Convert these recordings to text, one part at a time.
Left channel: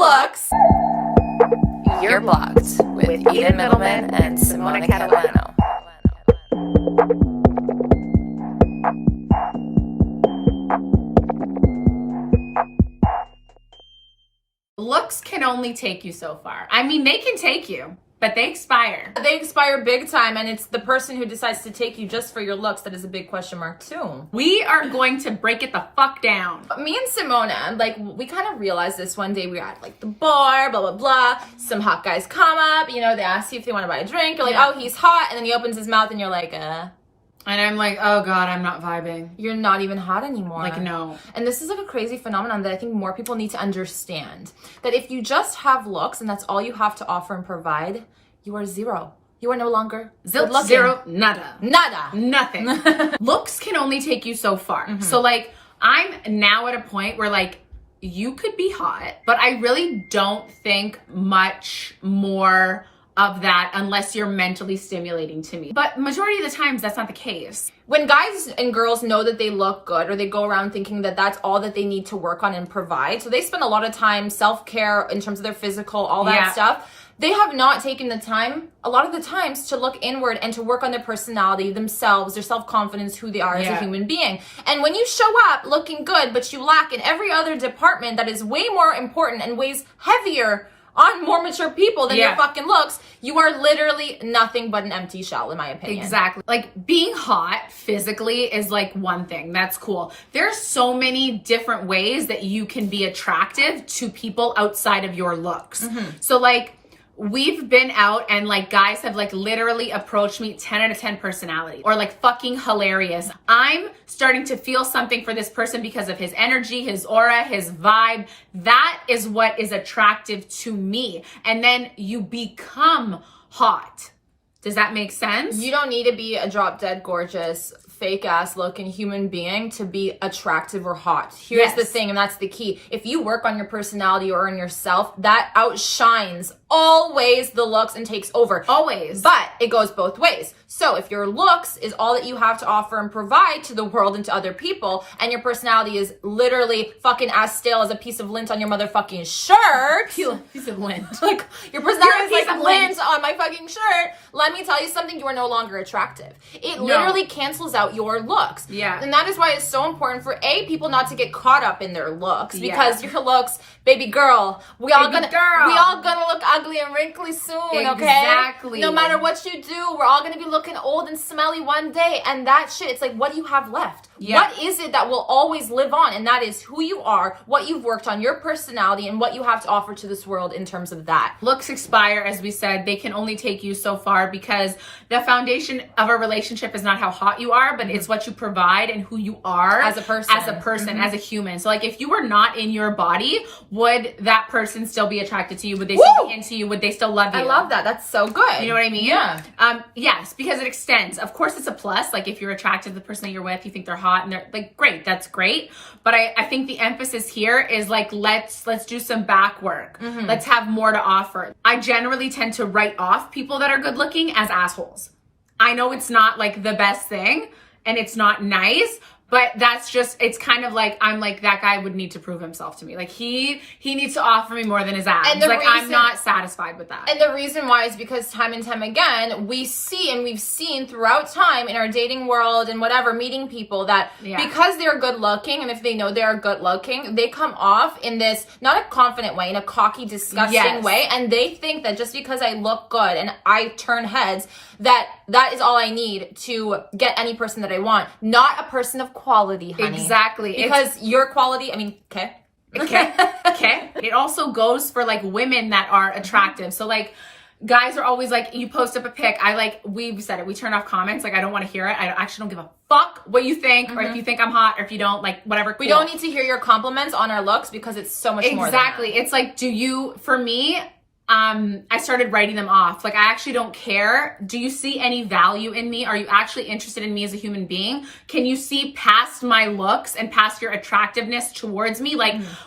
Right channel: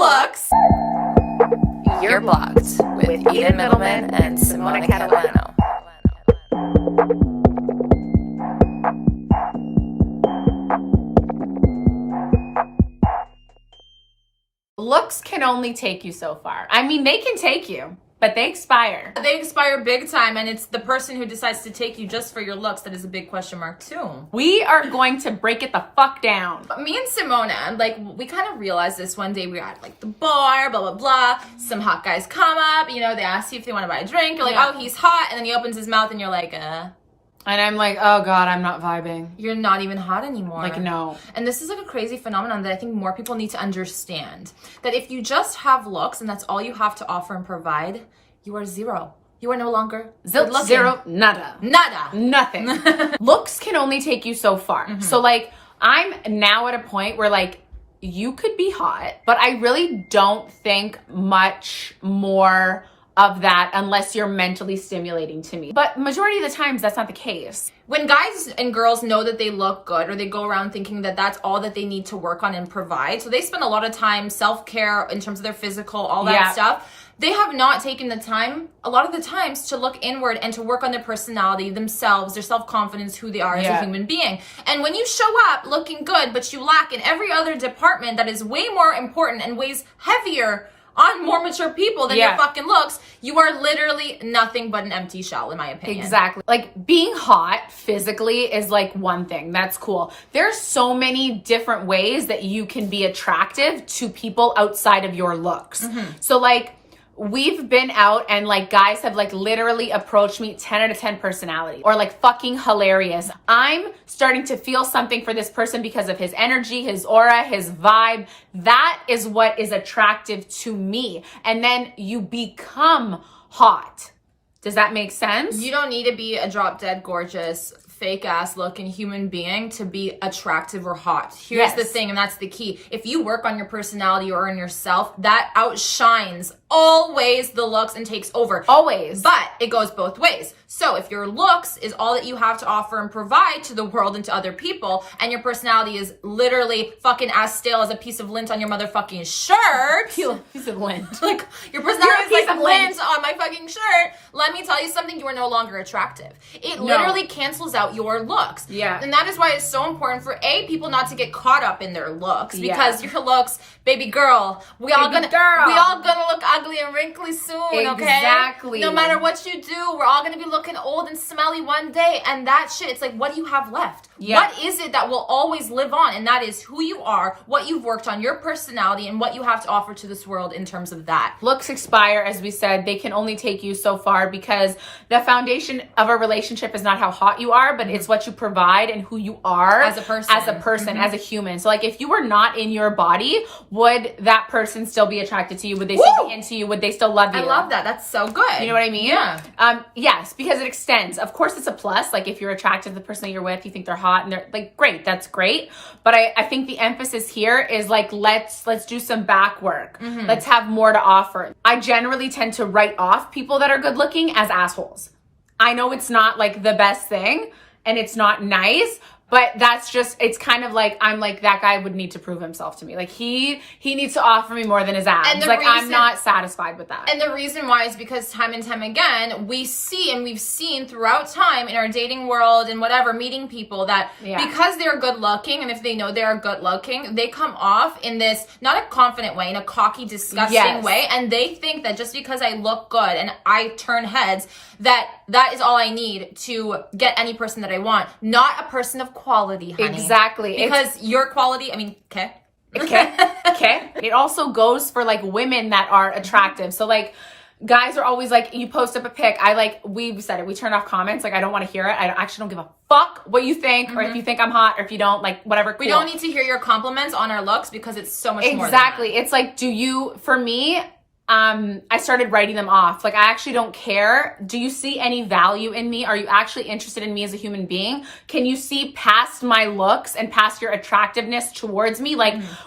looks. You're blocked with Eden Middleman and Simona Catalano. Looks can only take you so far. I mean, they can take you, but they expire. They expire big time, and it's the person who decides to take you just for your looks that is a big question mark too. We are going to break it the fuck down. Me and Simona, we kind of realized this one day. We were at the bar, blah, blah, blah. Some hot guys come up, they ask you if they want to buy a drink. You're like, oh, he's hot. And then he opens his mouth and you're like, And I'm like, oh God, I'm not vibing. You're not even hot anymore. No. And this is a crazy phenomenon that I think more people need to understand. That if you just have looks and that's all you have to offer and provide, you are zero. You are no longer good looking. Zero, nada. Nothing. Looks can only take you so far. Mm-hmm. So I'm now at a point where you could be hot, but I really don't think much more of that unless you're mentally stimulating to me. But majority of the times that's not the case. When guys and girls know that they look good, or they go around thinking that that's all that they need to work on and provide, so they spend a lot of time self-care in terms of their physical, all that stuff. They have not taken the time, a lot of the times, to look inward and to work on their personality, themselves, their self-confidence, who they are as a human being. And when you show up looking good, but you lack in every other department that is way more important and weighs heavier on more mature people than your fucking looks, you are literally nothing but an empty shell, in my opinion. Exactly. Being hot physically is one thing. That's cool. There's so many different ways that you can be attractive to people outside of your looks. Mm-hmm. So we've been out and guys have literally approached me 10 out of 10 personality or fucking hilarious. I'm starting to feel something for this person because of his energy, his aura, his vibe. That is what is attractive to me. And then you become hot. Does that make sense? You don't need to be a drop dead gorgeous, fake ass looking human being to be attractive or hot. Here's the thing, and that's the key. If you work on your personality or on yourself, that outshines always the looks and takes over. Always. But it goes both ways. So if your looks is all that you have to offer and provide to the world and to other people, and your personality is literally fucking as stale as a piece of lint on your motherfucking shirt. Piece of lint. Your personality is like lint on my fucking shirt. Let me tell you something, you are no longer attractive. It literally cancels out your looks. Yeah. And that is why it's so important for people not to get caught up in their looks, because your looks, baby girl, we all gonna look ugly and wrinkly soon, okay? Exactly. No matter what you do, we're all gonna be looking old and smelly one day, and that shit, it's what do you have left? What is it that will always live on? And that is who you are, what you've worked on, your personality, and what you have to offer to this world in terms of that. Looks expire, as we said. They can only take you so far because the foundation of a relationship is not how hot you are, but it's what you provide and who you are as a person, as a human. So if you were not in your body, would that person still be attracted to you? Would they still be into you? Would they still love you? I love that. That's so good. You know what I mean? Yeah. Yes, because it extends. Of course, it's a plus. If you're attracted to the person that you're with, you think they're hot and they're great. That's great. But I think the emphasis here is let's do some back work. Mm-hmm. Let's have more to offer. I generally tend to write off people that are good looking as assholes. I know it's not the best thing and it's not nice, but that's just, it's kind of I'm that guy would need to prove himself to me. He needs to offer me more than his abs. And I'm not satisfied with that. And the reason why is because time and time again, we see and we've seen throughout time in our dating world and whatever, meeting people that because they're good looking, and if they know they're good looking, they come off in this, not a confident way, in a cocky, disgusting way. And they think that just because I look good and I turn heads, that is all I need to get any person that I want. Not a person of quality, honey. Exactly. Because your quality, okay. Okay. It also goes for women that are attractive. So guys are always you post up a pic. We've said it. We turned off comments. I don't want to hear it. I actually don't give a fuck what you think, or if you think I'm hot, or if you don't, whatever. We don't need to hear your compliments on our looks because it's so much more than that. It's for me, I started writing them off. I actually don't care. Do you see any value in me? Are you actually interested in me as a human being? Can you see past my looks and past your attractiveness towards me?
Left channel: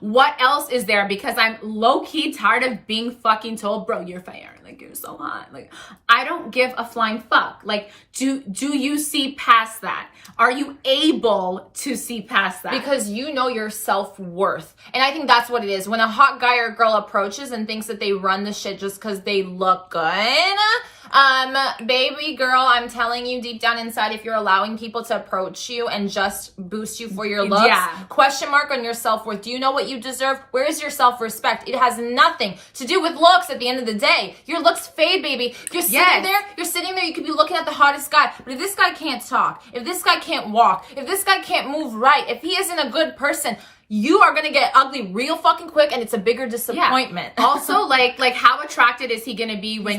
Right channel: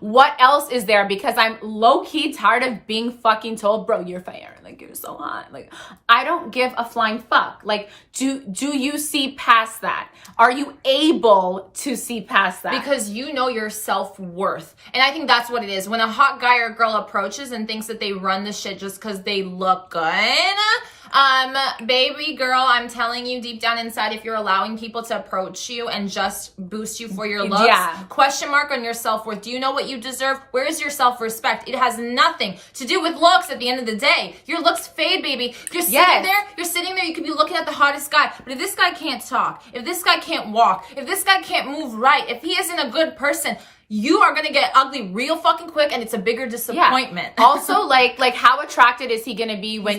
What else is there? Because I'm low-key tired of being fucking told, bro, you're fire. like, you're so hot. Like, I don't give a flying fuck. Like, do you see past that? Are you able to see past that? Because you know your self-worth. And I think that's what it is. When a hot guy or girl approaches and thinks that they run the shit just because they look good, baby girl, I'm telling you, deep down inside, if you're allowing people to approach you and just boost you for your looks, question mark on your self-worth. Do you know what you deserve? Where is your self-respect? It has nothing to do with looks at the end of the day. Your looks fade, baby. You're sitting there, you could be looking at the hottest guy, but if this guy can't talk, if this guy can't walk, if this guy can't move right, if he isn't a good person, you are gonna get ugly real fucking quick, and it's a bigger disappointment. Also, like how attracted is he gonna be when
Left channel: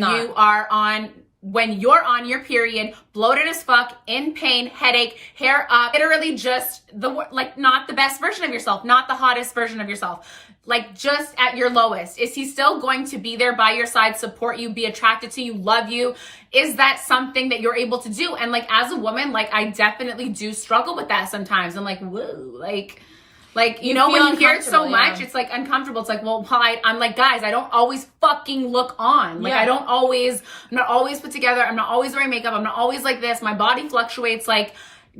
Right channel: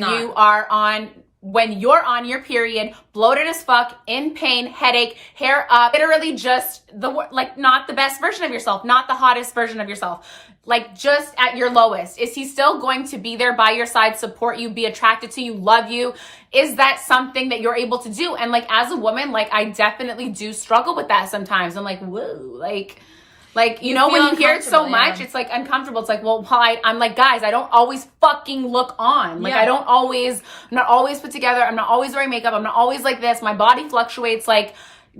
you're on your period, bloated as fuck, in pain, headache, hair up, literally just not the best version of yourself, not the hottest version of yourself, like just at your lowest? Is he still going to be there by your side, support you, be attracted to you, love you? Is that something that you're able to do? And like, as a woman, like, I definitely do struggle with that sometimes. I'm like, whoa, like, you know, when you hear it so much, it's like uncomfortable. It's like, well, I'm like, guys, I don't always fucking look on. Like, I'm not always put together. I'm not always wearing makeup. I'm not always like this. My body fluctuates like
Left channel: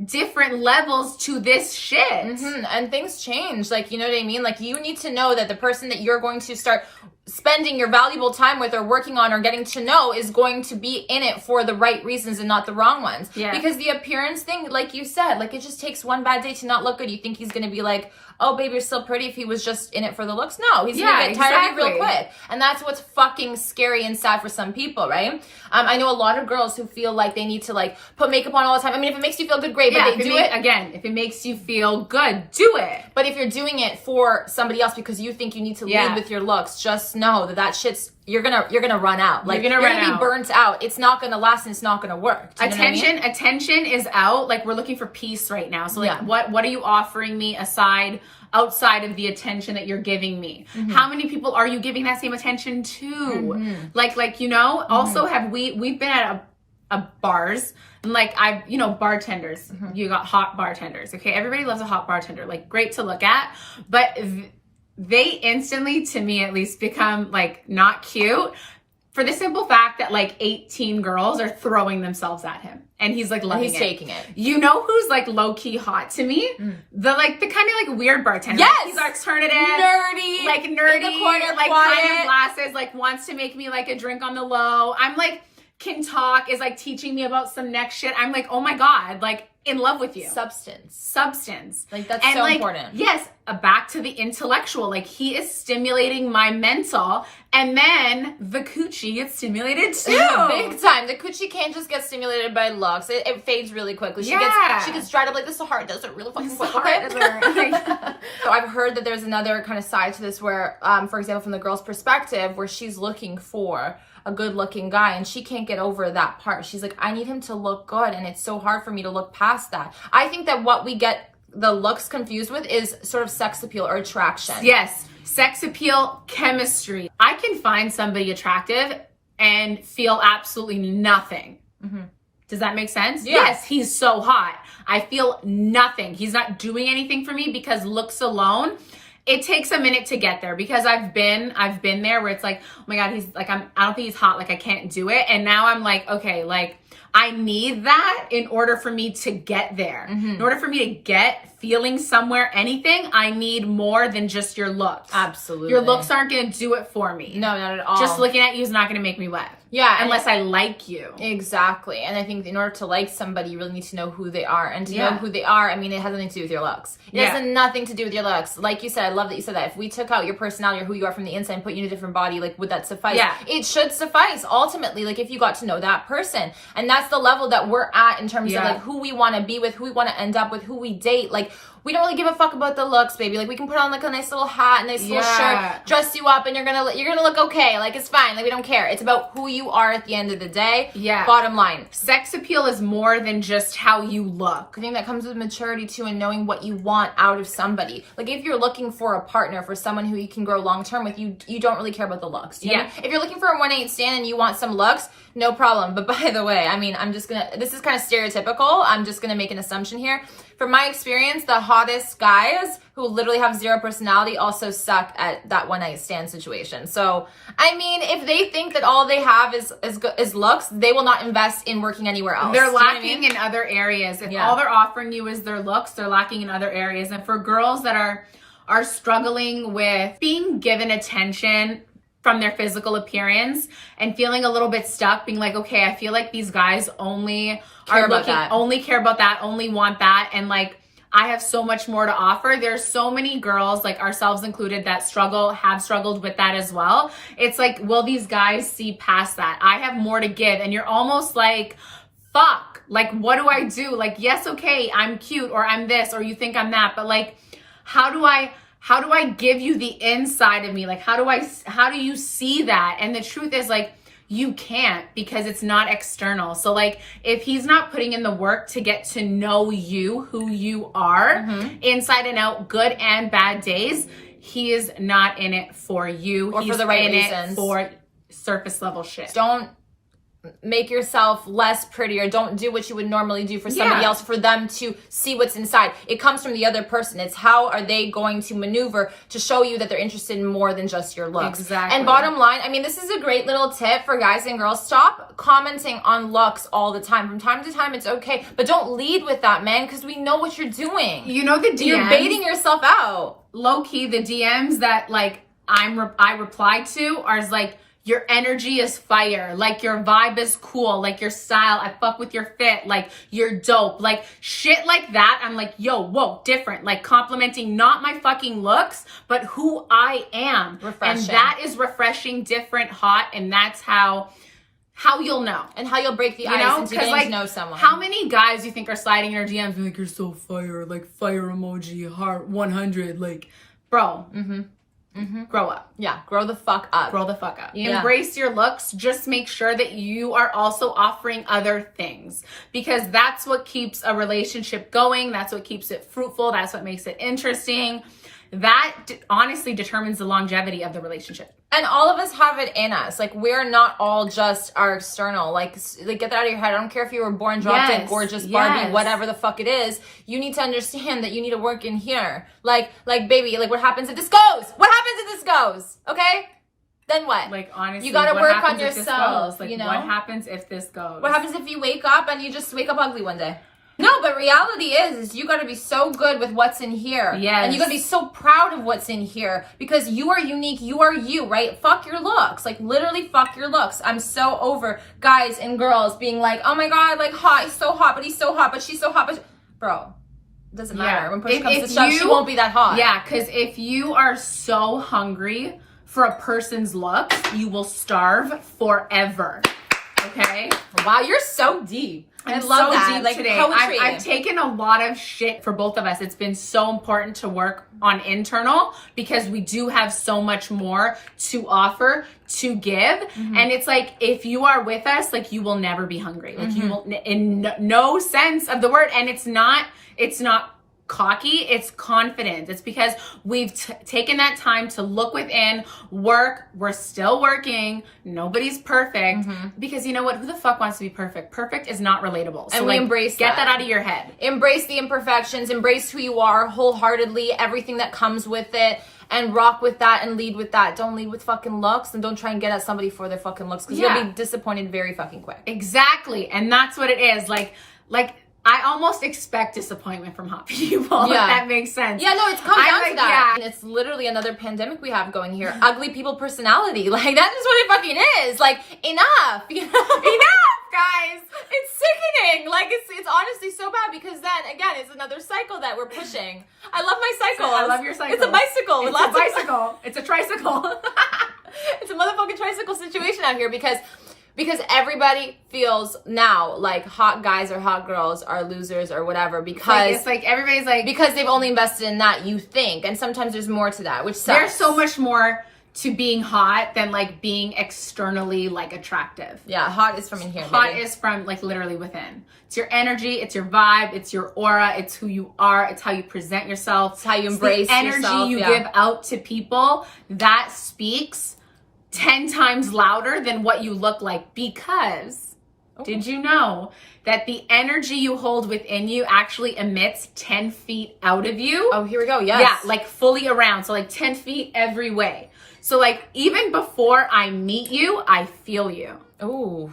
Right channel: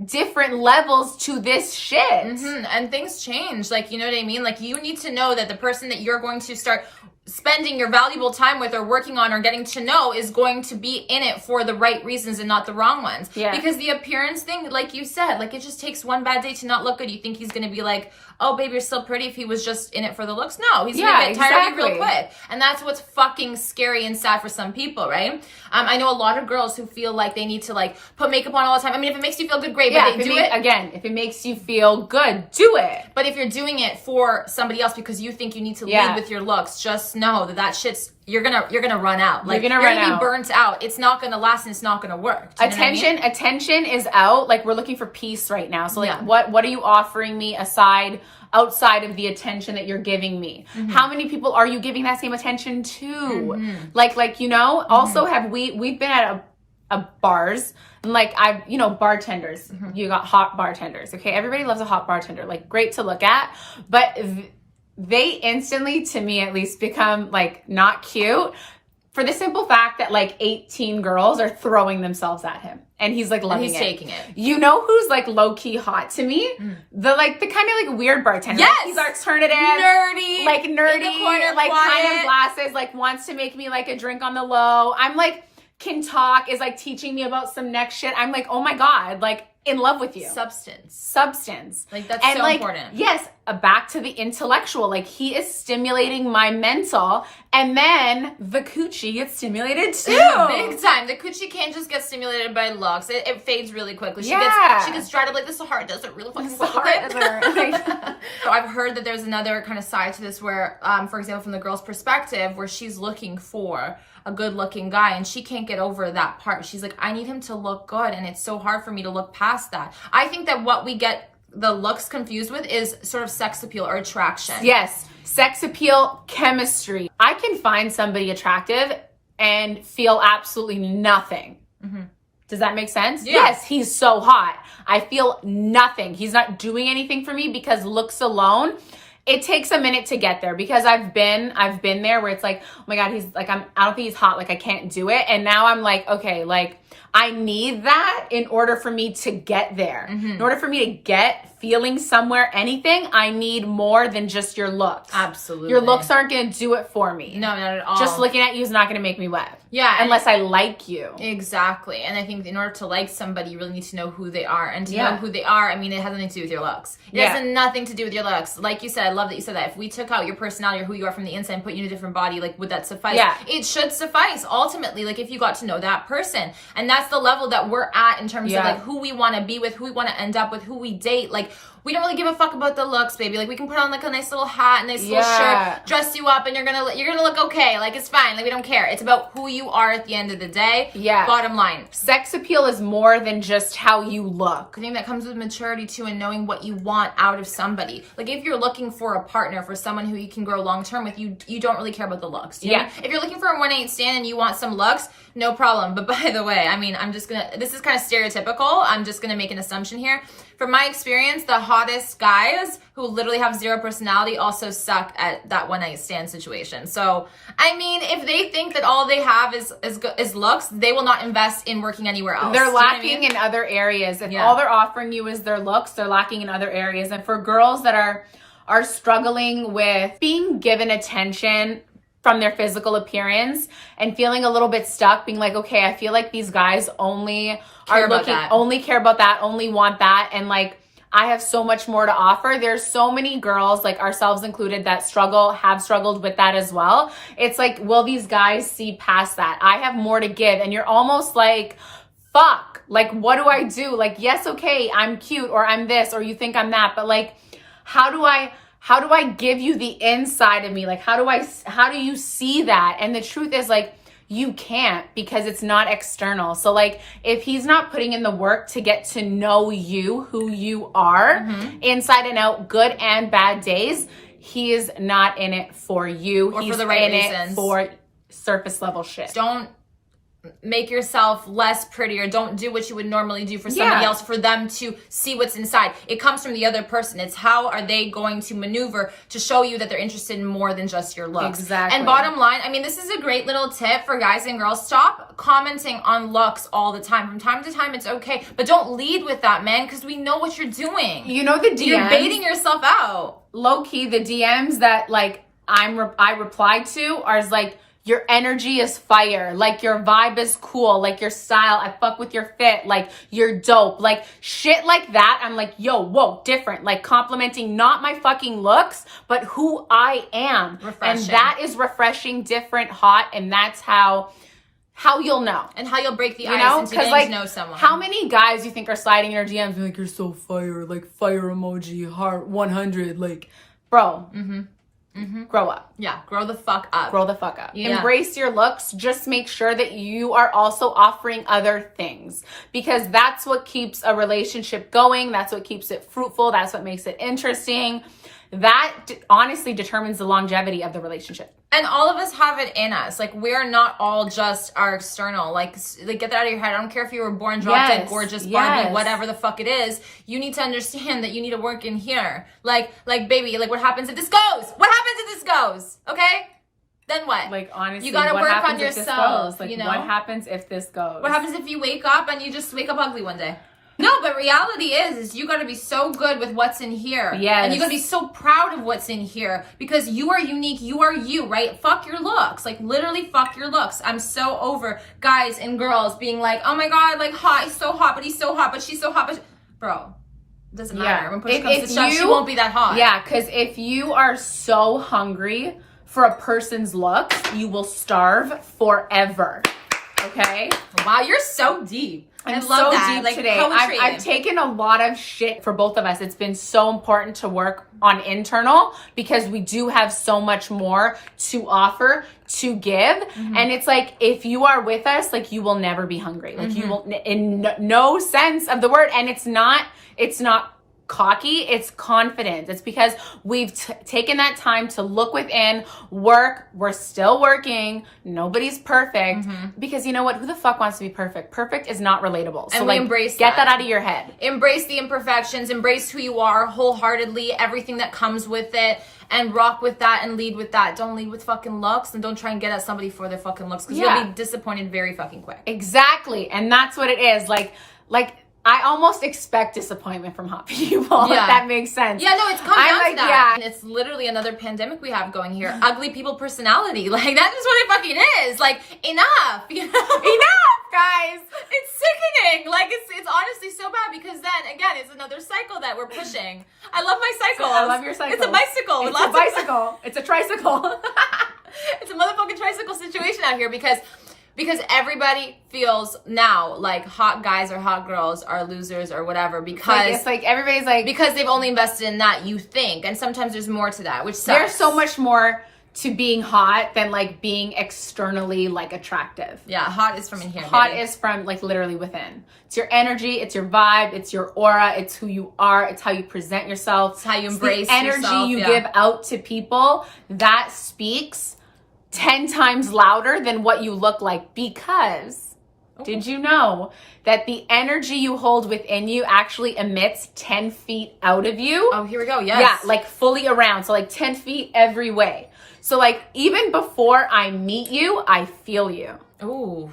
different levels to this shit. And things change. Like, you know what I mean? Like, you need to know that the person that you're going to start spending your valuable time with or working on or getting to know is going to be in it for the right reasons and not the wrong ones. Because the appearance thing, like you said, like, it just takes one bad day to not look good. You think he's going to be like, oh, babe, you're still pretty, if he was just in it for the looks? No, he's going to get tired of you real quick. And that's what's fucking scary and sad for some people, right? I know a lot of girls who feel like they need to, like, put makeup on all the time. I mean, if it makes you feel good, great, but they do it. Again, if it makes you feel good, do it. But if you're doing it for somebody else because you think you need to lead with your looks, just know that shit's, you're gonna run out. Like, you're gonna be burnt out. It's not gonna last and it's not gonna work. Attention is out. Like, we're looking for peace right now. So like, what are you offering me outside of the attention that you're giving me? How many people are you giving that same attention to? Like, you know, also we've been at a bars, and like, bartenders, you got hot bartenders. Okay. Everybody loves a hot bartender. Like, great to look at, but they instantly, to me at least, become like not cute for the simple fact that like 18 girls are throwing themselves at him and he's like loving it. He's taking it. You know who's like low key hot to me? The kind of like weird bartender. Yes! Like, he's alternative. Nerdy. In the corner, like quiet glasses, like wants to make me like a drink on the low. I'm like, can talk, is like teaching me about some next shit. I'm like, oh my God, like, in love with you. Substance. Like, that's so important. Yes, back to the intellectual. Like, he is stimulating my mental, and then the coochie gets stimulated too. Big time. The coochie can't just get stimulated by looks. It fades really quickly. She gets dried up like this. The heart does it really fucking quick. So I've heard that there's another kind of side to this where, for example, from the girl's perspective, where she's looking for a good looking guy and she can't get over that part. She's like, I need him to look good, and it's so hard for me to look past that. I think that what we get the looks confused with is sort of sex appeal or attraction. Yes, sex appeal, chemistry. I can find somebody attractive and feel absolutely nothing. Does that make sense? Yes, he's so hot. I feel nothing. He's not doing anything for me because looks alone. It takes a minute to get there because I've been there where it's like, oh my God, he's like, I don't think he's hot. Like, I can't do it. And now I'm like, okay, like, I need that in order for me to get there. In order for me to get feeling somewhere, anything, I need more than just your looks. Absolutely. Your looks aren't going to do it for me. No, not at all. Just looking at you is not going to make me wet. Yeah. Unless I like you. Exactly. And I think in order to like somebody, you really need to know who they are. And to know who they are, I mean, it has nothing to do with your looks. It has nothing to do with your looks. Like you said, I love that you said that. If we took out your personality or who you are from the inside and put you in a different body, like, would that suffice? Yeah. It should suffice, ultimately, like, if you got to know that person. And that's the level that we're at in terms of, like, who we want to be with, who we want to end up with, who we date. Like, we don't really give a fuck about the looks, baby. Like, we can put on like a nice little hat, a nice little shirt, dress you up, and you're gonna look okay. Like, it's fine. Like, we don't care. It's about who you are at the end of the day. Yeah. Bottom line. Sex appeal is more than just how you look. I think that comes with maturity too, and knowing what you want out of somebody. Like, if you're looking for a partner, for someone who you can grow long term with, you don't really care about the looks. Do you know what I mean? If you're looking for a 1-8 stand and you want some looks, no problem. But by the way, I mean, this is kind of stereotypical. I'm just gonna make an assumption here. from my experience, the hottest guys who literally have zero personality also suck at that one night stand situation. So, I mean, if they think that all they have is looks, they will not invest in working anywhere else. They're lacking in other areas. If all they're offering you is their looks, they're lacking in other areas. And for girls that are struggling with being given attention from their physical appearance and feeling a little bit stuck, being like, okay, I feel like these guys only care about that, only want that, and like, I have so much more to offer. There's so many girls, like ourselves included, that have struggled with that as well. It's like, will these guys see past that? I have more to give. And you're almost like, fuck, like, what do I do? Like, yes, okay, I'm cute, or I'm this, or you think I'm that, but like, how do I give you the inside of me? Like, how do you see that? And the truth is, like, you can't, because it's not external. So like, if he's not putting in the work to get to know you, who you are, inside and out, good and bad days, he is not in it for you. Or he's for the right in reasons. It for surface level shit. Don't make yourself less pretty, or don't do what you would normally do for somebody else for them to see what's inside. It comes from the other person. It's how are they going to maneuver to show you that they're interested in more than just your looks. Exactly. And bottom line, I mean, this is a great little tip for guys and girls. Stop commenting on looks all the time. From time to time, it's okay, but don't lead with that, man, because we know what you're doing. You know, the DMs, you're baiting yourself out. Low key, the DMs that like I replied to are like, your energy is fire, like your vibe is cool, like your style, I fuck with your fit, like you're dope, like shit like that. I'm like, yo, whoa, different, like complimenting not my fucking looks, but who I am. Refreshing. And that is refreshing, different, hot, and that's how you'll know. And how you'll break the ice into getting like, to know someone. How many guys you think are sliding in your DMs like, you're so fire, like fire emoji, heart 100, like, bro. Grow up. Yeah, grow the fuck up. Grow the fuck up. Yeah. Embrace your looks. Just make sure that you are also offering other things, because that's what keeps a relationship going. That's what keeps it fruitful. That's what makes it interesting. That honestly determines the longevity of the relationship. And all of us have it in us. Like, we're not all just our external. Like get that out of your head. I don't care if you were born drop dead gorgeous Barbie, whatever the fuck it is. You need to understand that you need to work in here. Like baby, like what happens if this goes? What happens if this goes? Okay? Then what? Like, honestly, you gotta what work happens on if this yourself. goes? Like, you know? what happens if this goes? What happens if you wake up and you just wake up ugly one day? No, but reality is you gotta be so good with what's in here. Yes. And you gotta be so proud of what's in here, because you are unique, you are you, right? Fuck your looks. Like, literally fuck your looks. I'm so over guys and girls being like, oh my God, like hot, he's so hot, but he's so hot, but she's so hot, but bro, it doesn't matter. When push comes to shove, she won't be that hot. Yeah, because if you are so hungry for a person's looks, you will starve forever. Okay? Wow, you're so deep. I love so that. Deep like today. poetry. I've taken a lot of shit for both of us. It's been so important to work on internal, because we do have so much more to offer, to give. And it's like, if you are with us, like, you will never be hungry. Like, you will, in no sense of the word. And it's not cocky, it's confident. It's because we've taken that time to look within, work. We're still working. Nobody's perfect, because you know what? Who the fuck wants to be perfect? Perfect is not relatable. So and we embrace get that out of your head. Embrace the imperfections, embrace who you are wholeheartedly, everything that comes with it, and rock with that and lead with that. Don't lead with fucking looks, and don't try and get at somebody for their fucking looks, because you'll be disappointed very fucking quick. Exactly. And that's what it is. Like I almost expect disappointment from hot people, if that makes sense. Yeah, no, it's come down to that. And it's literally another pandemic we have going here. Ugly people personality. Like, that's just what it fucking is. Like, enough. You know? Enough, guys. It's sickening. Like, it's honestly so bad, because then, again, it's another cycle that we're pushing. I love my cycles. I love your cycle. It's a bicycle. It's a bicycle. It's a tricycle. It's a motherfucking tricycle situation out here, because everybody feels now like hot guys or hot girls are losers or whatever, because it's like everybody's like, because they've only invested in that, you think, and sometimes there's more to that, which sucks. There's so much more to being hot than like being externally like attractive. Yeah, hot is from in here. Hot is from like literally within. It's your energy, it's your vibe, it's your aura, it's who you are, it's how you present yourself, it's how you embrace the energy yourself, you give out to people. That speaks 10 times louder than what you look like, because Did you know that the energy you hold within you actually emits 10 feet out of you? Oh, here we go. Yes. Yeah, like fully around. So like 10 feet every way. So like even before I meet you, I feel you. Ooh.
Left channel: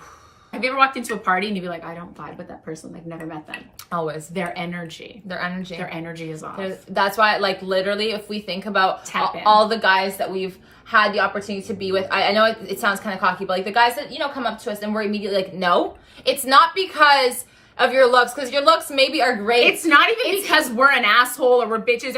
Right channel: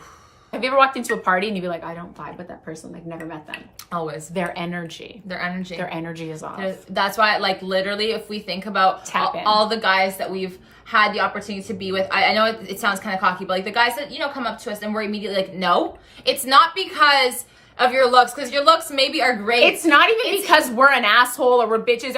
Have you ever walked into a party and you'd be like, I don't vibe with that person, like never met them? Always. Their energy. Their energy. Their energy is off. That's why, like, literally, if we think about all the guys that we've had the opportunity to be with, I know it sounds kind of cocky, but like the guys that, you know, come up to us and we're immediately like, no, it's not because of your looks, because your looks maybe are great. It's not even because we're an asshole or we're bitches.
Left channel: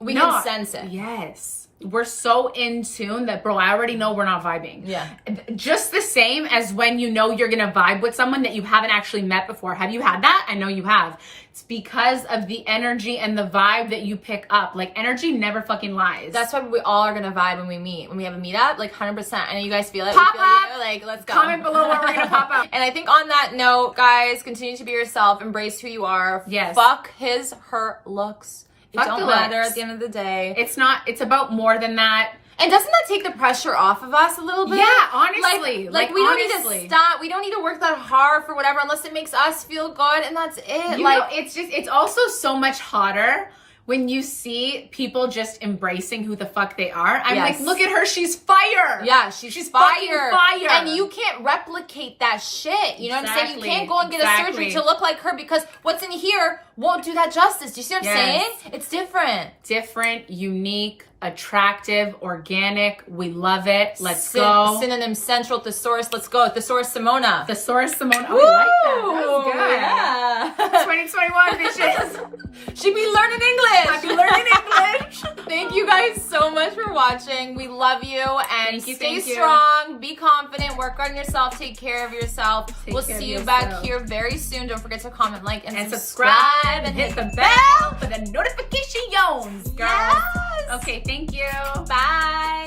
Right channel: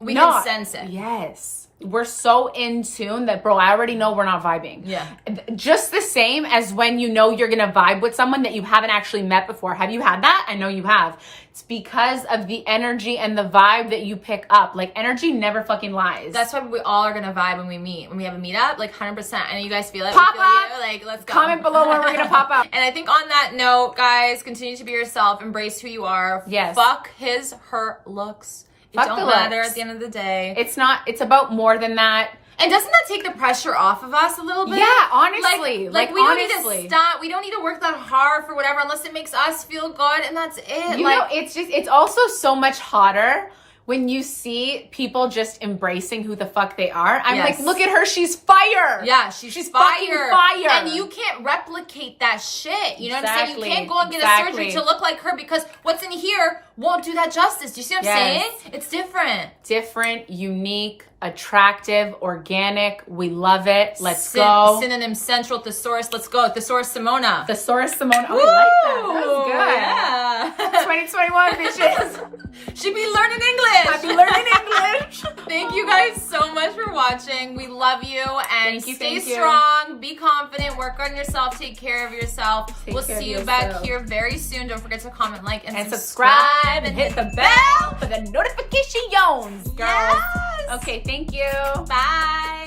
We can sense it. Yes. We're so in tune that, bro, I already know we're not vibing. Yeah. Just the same as when you know you're going to vibe with someone that you haven't actually met before. Have you had that? I know you have. It's because of the energy and the vibe that you pick up. Like, energy never fucking lies. That's why we all are going to vibe when we meet. When we have a meetup, like 100%. And you guys feel it? Pop we feel up! you. Like, let's go. Comment below where we're going to pop up. And I think on that note, guys, continue to be yourself. Embrace who you are. Yes. Fuck his, her looks. It don't matter looks. at the end of the day. It's about more than that. And doesn't that take the pressure off of us a little bit? Yeah, honestly. Like we don't need to stop. We don't need to work that hard for whatever unless it makes us feel good, and that's it. You know, it's also so much hotter when you see people just embracing who the fuck they are. I'm like, look at her, she's fire. Yeah, she's fire. Fire. And you can't replicate that shit. You know what I'm saying? You can't go and get a surgery to look like her because what's in here won't do that justice. Do you see what I'm saying? It's different. Different, unique, attractive, organic. We love it. Let's go. Synonym central thesaurus. Let's go. Thesaurus Simona. Thesaurus Simona. Oh, I like that. That was good. Yeah. 2021, bitches. She be learning English. I be learning English. Thank you guys so much for watching. We love you and Thank stay you. strong. Be confident. Work on yourself. Take care of yourself. We'll see you back here very soon. Don't forget to comment, like, and subscribe. And hit the bell for the notifications. Yes. Okay, thank you. Bye.